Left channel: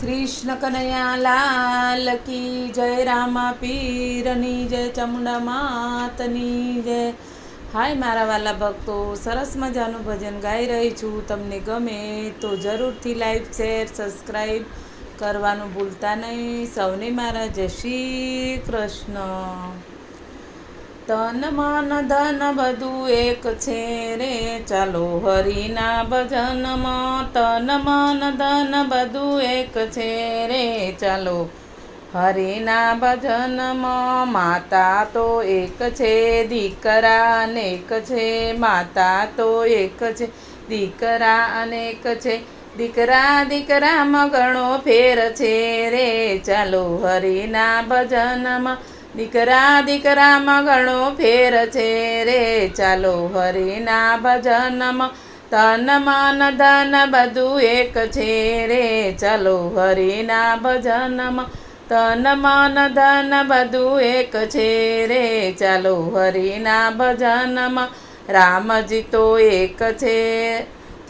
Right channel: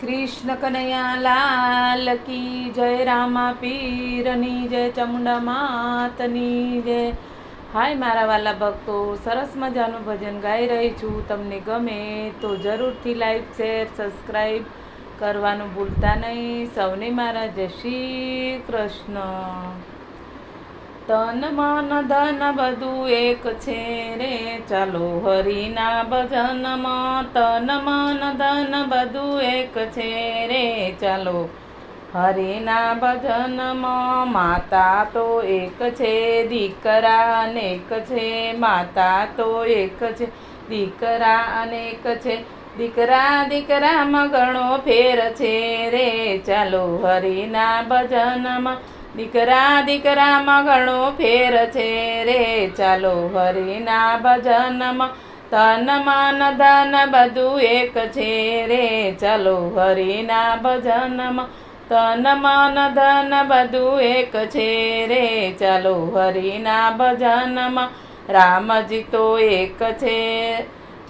કૃષ્ણ કનૈયા લાલ કી જય, રામા પીરની જય, ચામુંડા માતની જય. હાય મારા વાલા ભક્તો, સરસ મજાનું ભજન ગાઈ રહી છું. તમને ગમે તો જરૂરથી લાઈક, શેર, સબસ્ક્રાઈબ કરવાનું ભૂલતા નહીં. સૌને મારા જય શ્રી કૃષ્ણ. તન મન ધન બધું એક છે રે, ચાલો હરિના ભજનમાં. તન મન ધન બધું એક છે રે, ચાલો હરિના ભજનમાં. માતા તો એક છે, દીકરા અનેક છે. માતા તો એક છે, દીકરા અનેક છે. દીકરા દીકરામાં ઘણો ફેર છે રે, ચાલો હરિના ભજનમાં. દીકરા દીકરામાં ઘણો ફેર છે રે, ચાલો હરિના ભજનમાં. તન મન ધન બધું એક છે રે, ચાલો હરિના ભજનમાં. તન મન ધન બધું એક છે રે, ચાલો હરિના ભજનમાં. રામજી તો એક છે,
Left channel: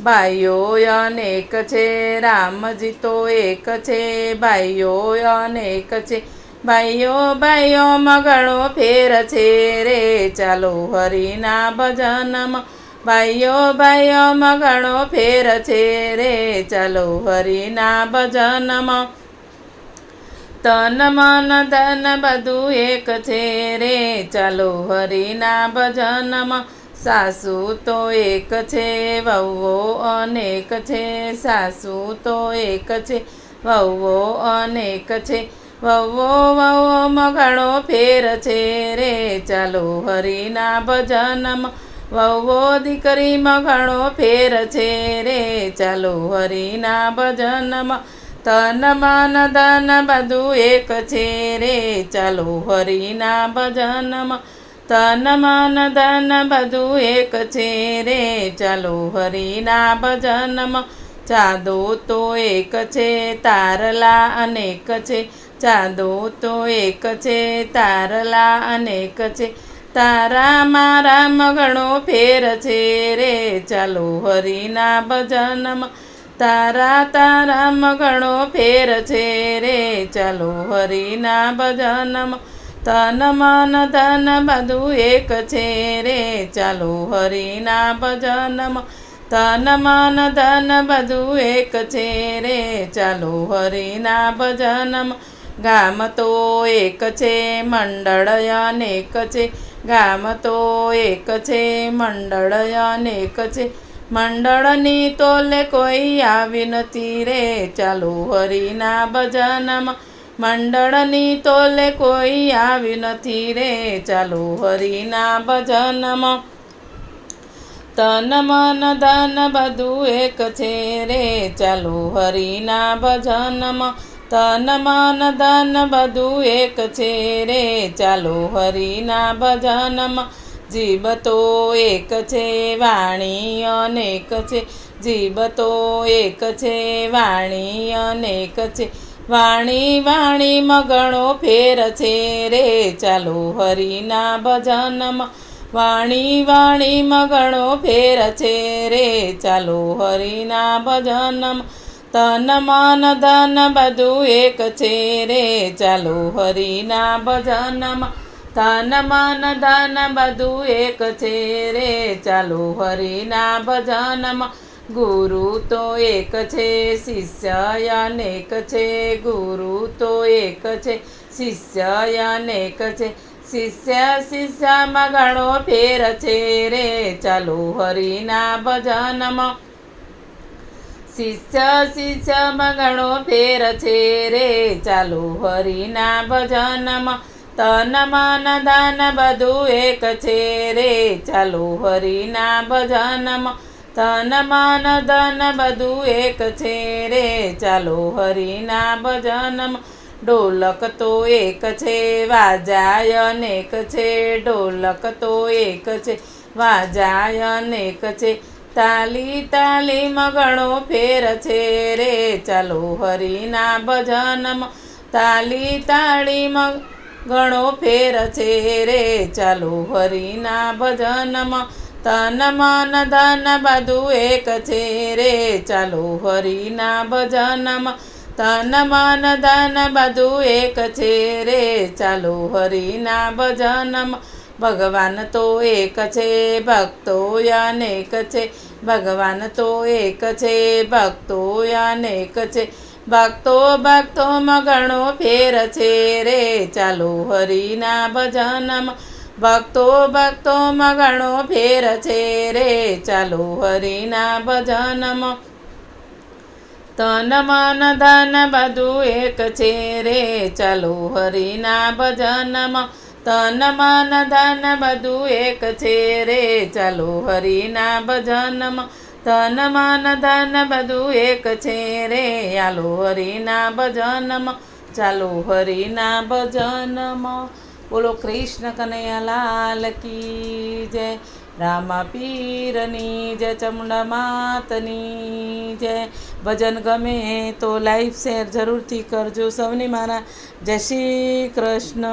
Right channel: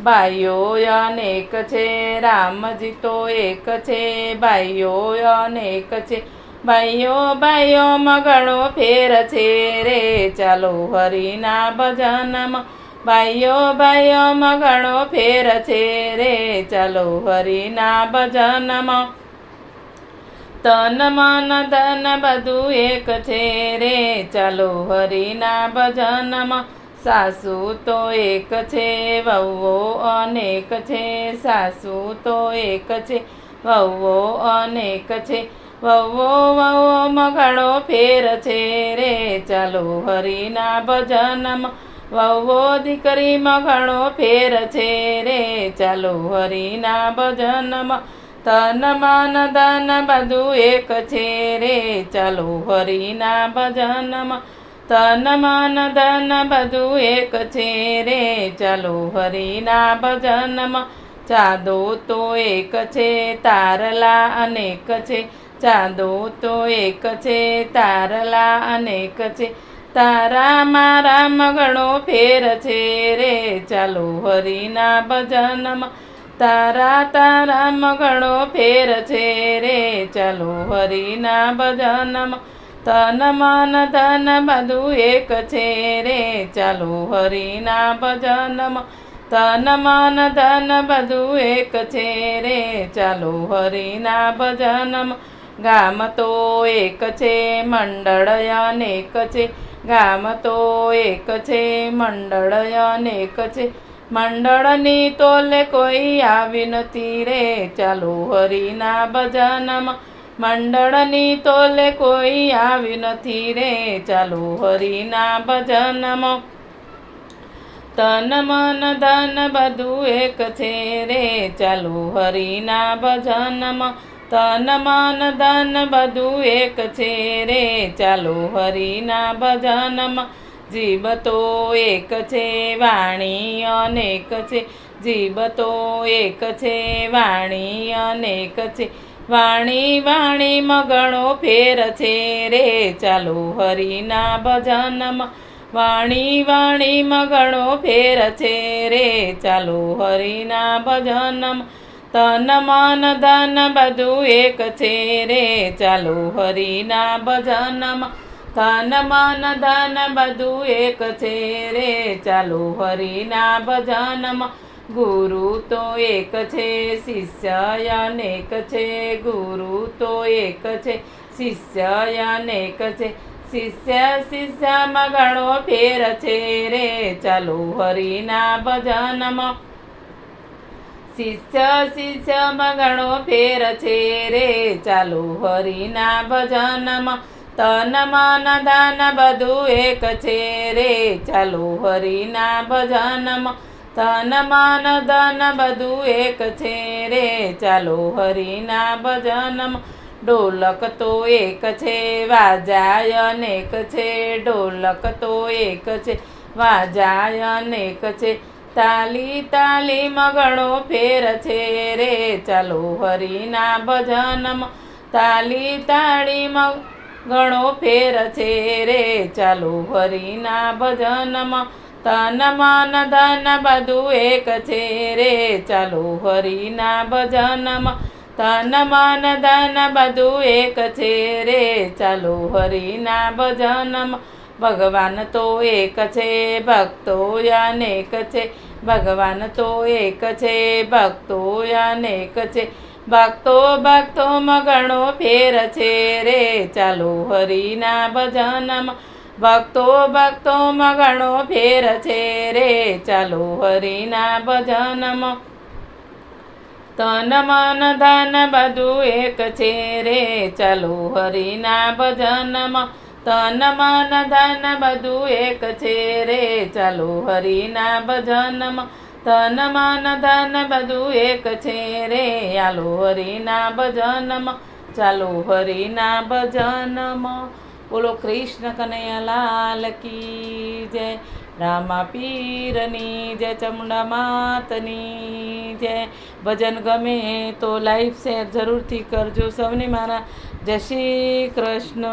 ભાઈઓ અનેક છે. રામજી તો એક છે, ભાઈઓ અનેક છે. ભાઈઓ ભાઈઓમાં ઘણો ફેર છે રે, ચાલો હરિના ભજનમાં. ભાઈઓ ભાઈઓમાં ઘણો ફેર છે રે, ચાલો હરિના ભજનમાં. તન મન ધન બધું એક છે રે, ચાલો હરિના ભજનમાં. સાસુ તો એક છે, વહુઓ અનેક છે. સાસુ તો એક છે, વહુઓ અનેક છે. વહુઓ વહુઓમાં ઘણો ફેર છે રે, ચાલો હરિના ભજનમાં. વહુઓ દીકરીમાં ઘણો ફેર છે રે, ચાલો હરિના ભજનમાં. તન મન ધન બધું એક છે રે, ચાલો હરિના ભજનમાં. તન મન ધન બધું એક છે રે, ચાલો હરિના ભજનમાં. ચાંદો તો એક છે, તારલા અનેક છે. ચાંદો તો એક છે, તારલા અનેક છે. તારામાં રામ ઘણો ફેર છે રે, ચાલો હરિના ભજનમાં. તારા તારામાં ઘણો ફેર છે રે, ચાલો હરિના ભજનમાં. તન મન ધન બધું એક છે રે, ચાલો હરિના ભજનમાં. તન મન ધન બધું એક છે રે, ચાલો હરિના ભજનમાં. ગામ તો એક છે, મંડળ અનેક છે. ગામ તો એક છે, મંડળ અનેક છે. મંડળની તોલે કોઈ આવી નથી રે, ચાલો હરિના ભજનમાં. મંડળની તોલે કોઈ આવી નથી રે, ચાલો હરિના ભજનમાં. તન મન ધન બધું એક છે રે, ચાલો હરિના ભજનમાં. તન મન ધન બધું એક છે રે, ચાલો હરિના ભજનમાં. જીભ તો એક છે, વાણી અનેક છે. જીભ તો એક છે, વાણી અનેક છે. વાણી વાણીમાં ઘણો ફેર છે રે, ચાલો હરિના ભજનમાં. વાણી વાણીમાં ઘણો ફેર છે રે, ચાલો હરિના ભજનમાં. તન મન ધન બધું એક છે રે, ચાલો હરિના ભજનમાં. તન મન ધન બધું એક છે રે, ચાલો હરિના ભજનમાં. ગુરુ તો એક છે, શિષ્ય અનેક છે. ગુરુ તો એક છે, શિષ્ય અનેક છે. શિષ્ય શિષ્યમાં ઘણો ફેર છે રે, ચાલો હરિના ભજનમાં. શિષ્ય શિષ્યમાં ઘણો ફેર છે રે, ચાલો હરિના ભજનમાં. તન મન ધન બધું એક છે રે, ચાલો હરિના ભજનમાં. તન મન ધન બધું એક છે રે, ચાલો હરિના ભજનમાં. ઢોલક તો એક છે, વાજા અનેક છે. ઢોલક તો એક છે, વાજા અનેક છે. તાલી તાલીમાં ઘણો ફેર છે રે, ચાલો હરિના ભજનમાં. તાલી તાળીમાં ઘણો ફેર છે રે, ચાલો હરિના ભજનમાં. તન મન ધન બધું એક છે રે, ચાલો હરિના ભજનમાં. તન મન ધન બધું એક છે રે ચાલો હરિના ભજનમાં. ભગવાન તો એક છે ભક્તો અનેક છે, ભગવાન તો એક છે ભક્તો અનેક છે. ભક્તો ભક્તોમાં ઘણો ફેર છે રે ચાલો હરિના ભજનમાં. ભક્તો ભક્તોમાં ઘણો ફેર છે રે ચાલો હરિના ભજનમાં. તન મન ધન બધું એક છે રે ચાલો હરિના ભજનમાં. તન મન ધન બધું એક છે રે ચાલો હરિના ભજનમાં. તન મન ધન બધું એક છે રે આલો હરિના ભજનમાં. ચાલો હરિના ભજનમાં. બોલો કૃષ્ણ કનૈયા લાલ કી જય, રામા પીરની જય, ચામુંડા માતની જય. ભજન ગમે તો લાઈક શેર જરૂરથી કરજો. સૌને મારા જય શ્રી કૃષ્ણ.